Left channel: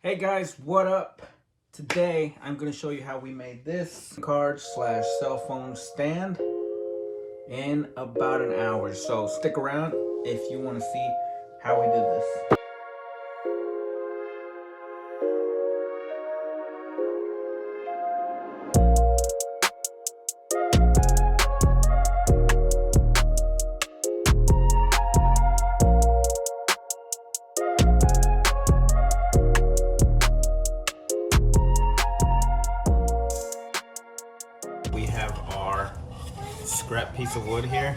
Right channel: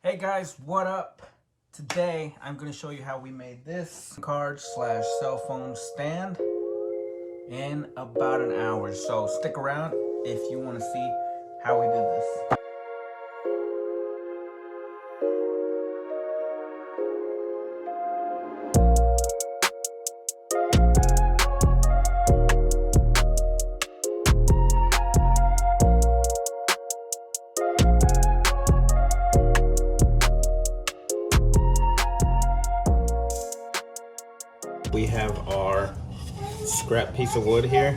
Hey guys, what up? Today I'm going to show you how we made this card slash cell phone stand in about an hour. So stick around if you want to see how we did this. We have our scrap piece of wood here.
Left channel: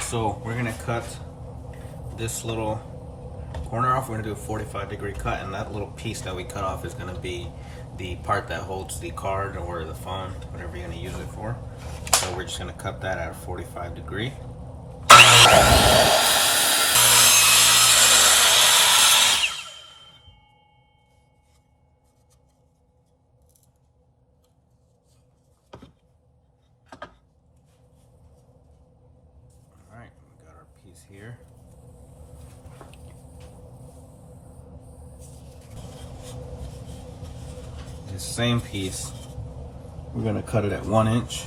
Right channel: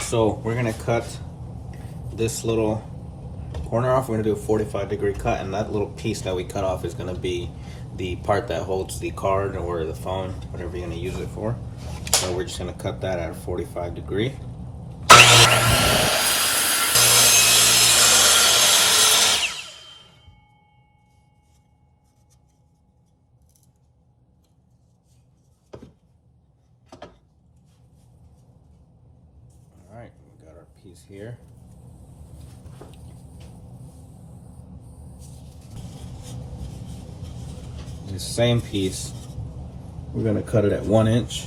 So we're gonna cut this little corner off. We're gonna do a 45-degree cut, and that little piece that we cut off is gonna be the part that holds the card or the phone, whatever you're gonna use it for. So we're just gonna cut that at a 45-degree. Alright, we got our piece here. This same piece, we're going to cut it at 1 inch.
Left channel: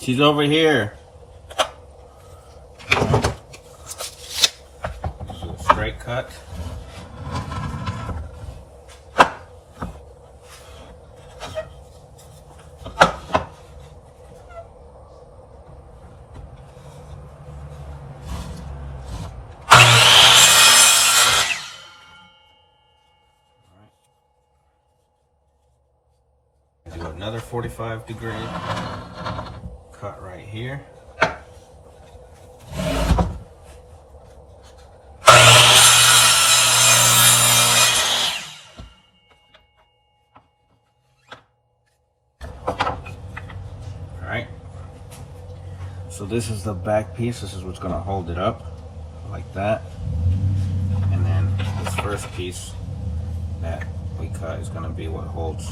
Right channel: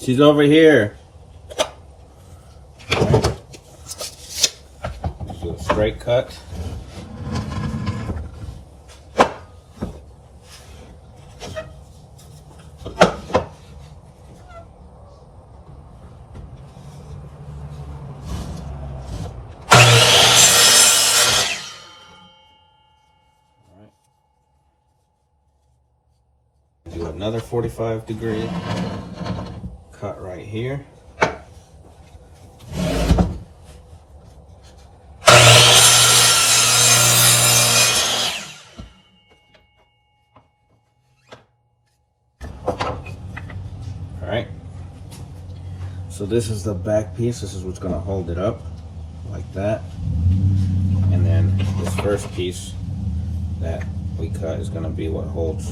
She's over here. All right. Do a straight cut. Do another 45-degree cut right here. All right. So this is the back piece. This is what's going to hold it up like that. And then this first piece that we cut is going to be what holds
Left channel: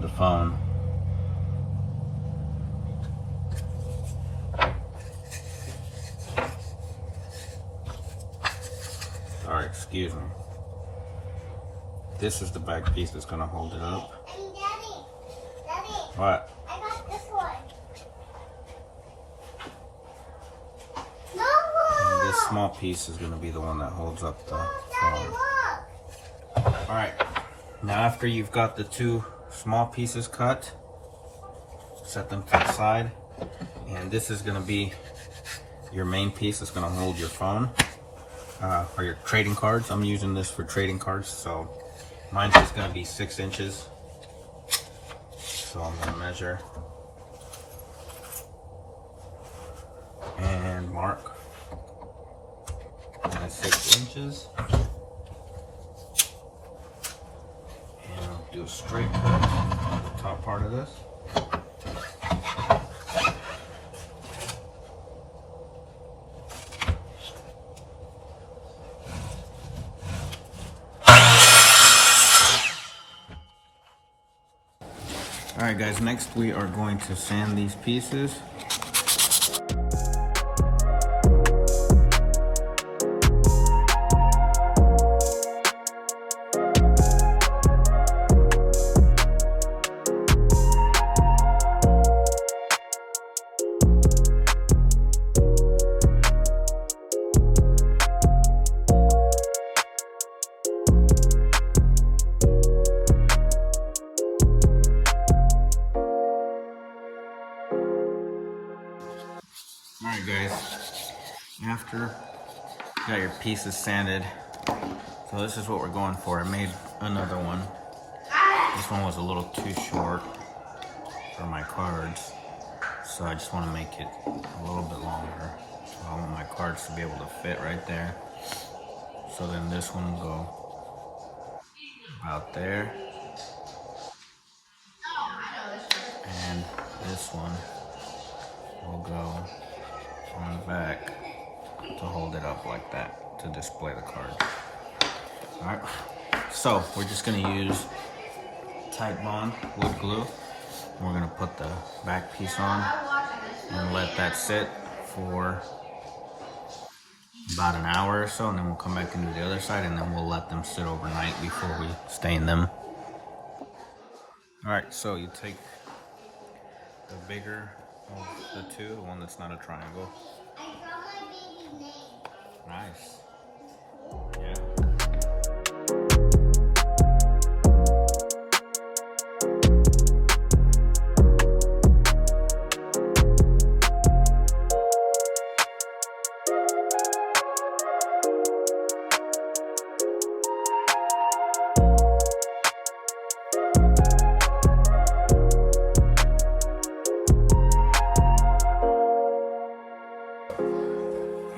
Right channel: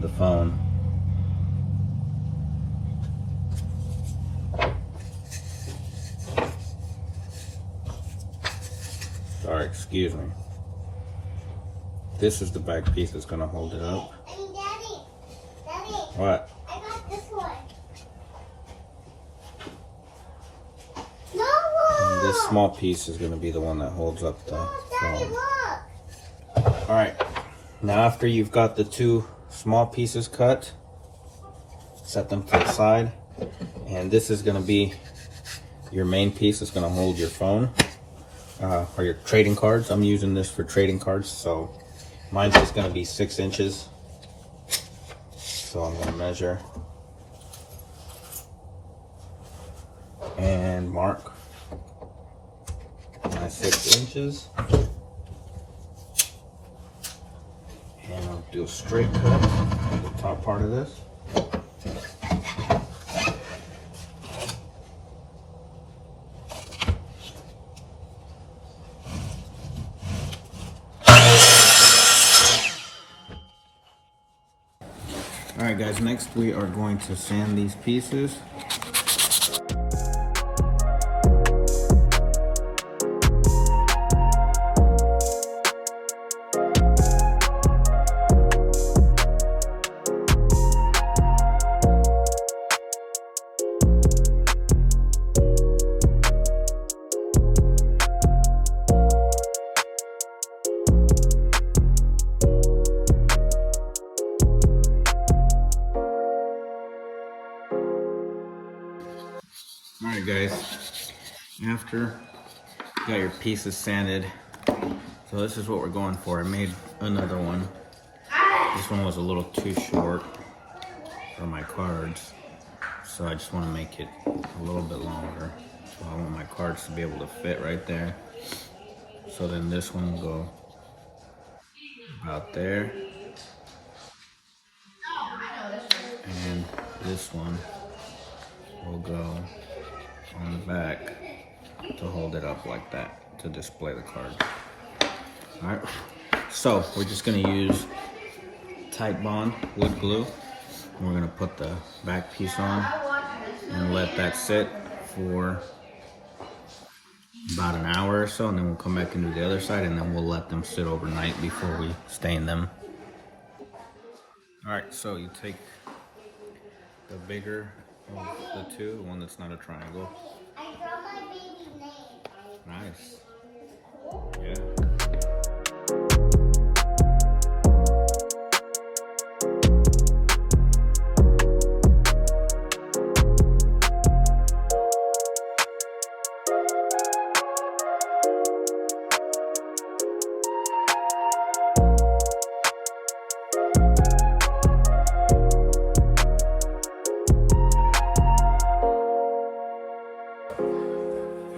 the phone. Sorry, excuse me. This is the back piece that's gonna hold it up. Daddy, What? I got this one. No! And this small piece is gonna be the one that holds up the phone. Alright, now after you've got the two small pieces cut, set them to the side, and this is gonna be your main piece that's gonna hold your phone. Or your trading cards. I'm using this for trading cards, so mine's just going to be 6 inches. So I'm going to measure and mark my 6 inches, and I'll do a straight cut on the top part of this. Alright guys, next we are going to sand these pieces. Alright guys, after you got your pieces sanded, so this is what we're going for. I made another one. This one was a little too short for my cards, so I just want to make it a little bit longer. So I want my cards to be able to fit right there. So then this one will go about there. And this one will go on the back to hold it up like that, to display the card. Alright, so we're just gonna use Tite Bond wood glue. We're gonna put the back piece on and let that sit for about an hour or so, and then we'll come back and do the other side, and then we'll let them sit overnight before we stain them. Alright, so you take the bigger of the two, the one that's not a triangle. Nice. Yeah.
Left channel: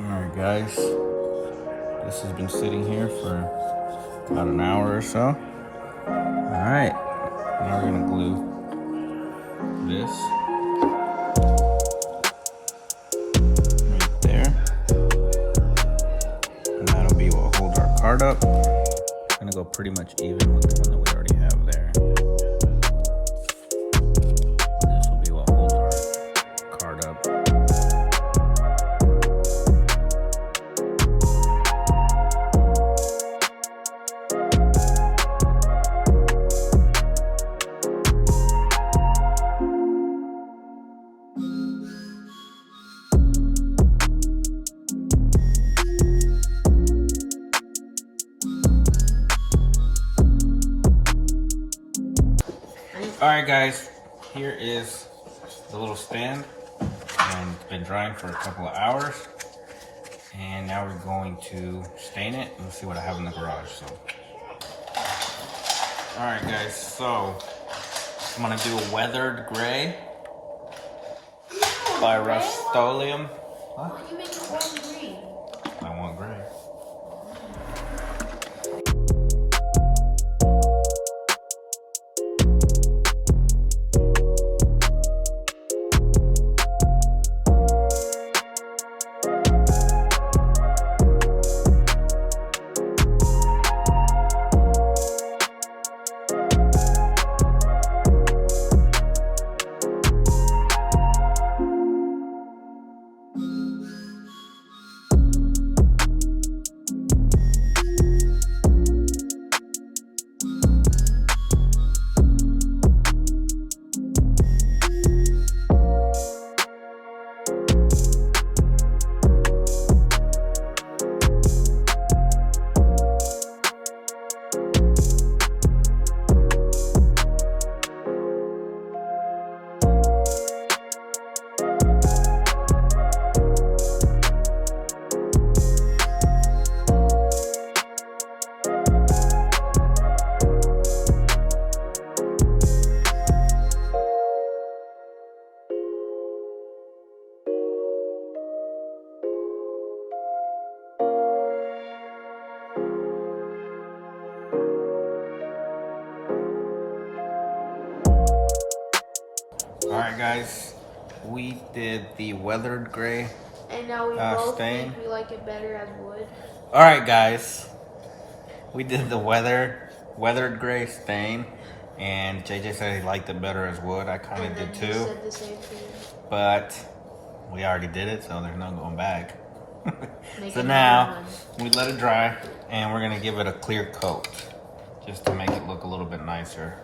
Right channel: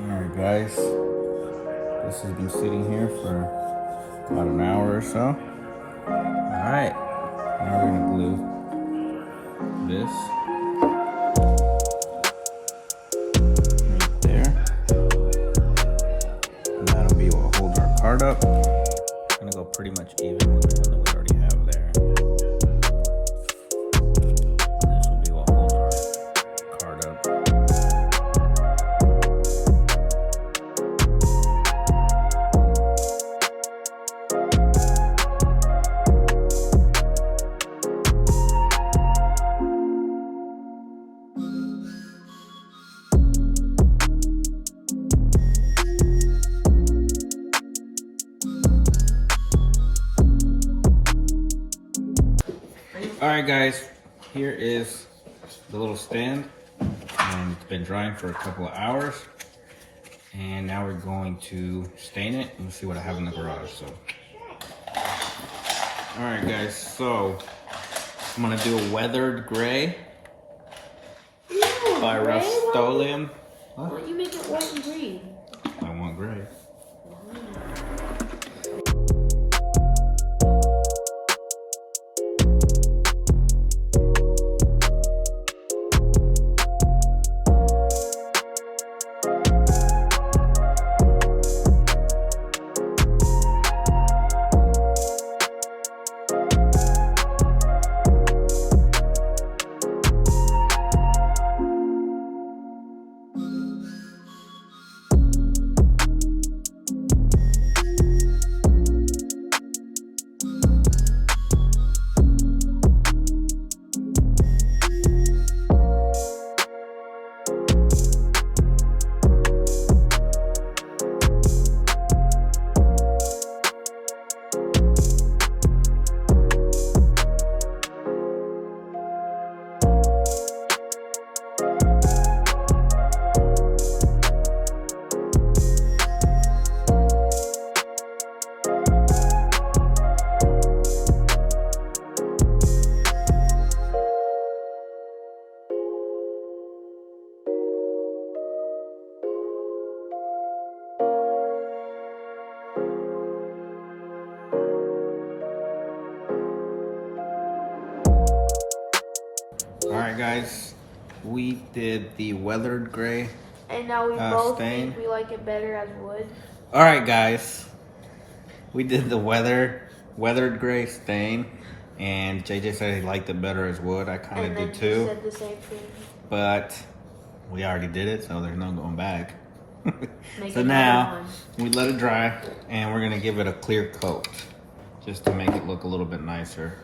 Alright guys, this has been sitting here for about an hour or so. Alright, now we're going to glue this right there. And that'll be what holds our card up. I'm going to go pretty much even with the one that we already have there. And this will be what holds our card up. Alright guys, here is the little stand, and it's been drying for a couple of hours, and now we're going to stain it and see what I have in the garage. So, alright guys, so I'm going to do a weathered gray by Rust-Oleum. Why don't you make it white and green? I want gray. Alright guys, we did the weathered gray And now we both stain. think we like it better as wood. Alright guys, we did the weathered gray stain, and JJ said he liked it better as wood. I kind of did too, Said the same thing. but we already did it, so there's no going back. Make So it now one. we let it dry, and we're gonna give it a clear coat just to make it look a little bit nicer.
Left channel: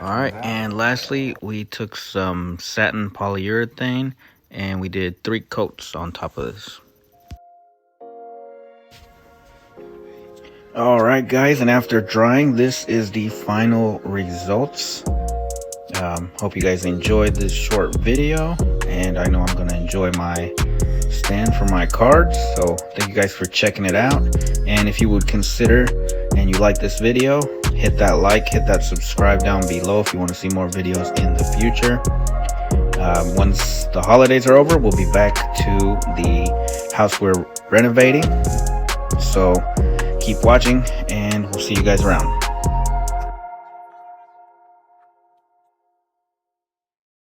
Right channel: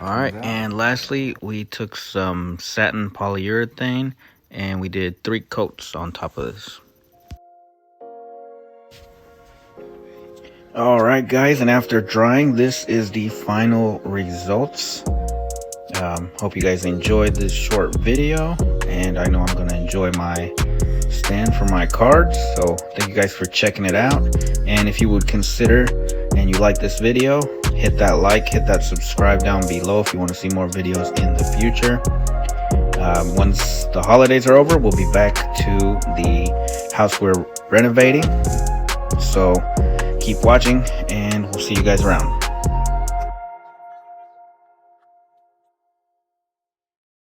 All right, and lastly, we took some satin polyurethane and we did 3 coats on top of this. All right, guys, and after drying, this is the final results. Hope you guys enjoyed this short video, and I know I'm gonna enjoy my stand for my cards. So thank you guys for checking it out, and if you would consider and you like this video, hit that like, hit that subscribe down below if you want to see more videos in the future. Once the holidays are over, we'll be back to the house we're renovating. So keep watching, and we'll see you guys around.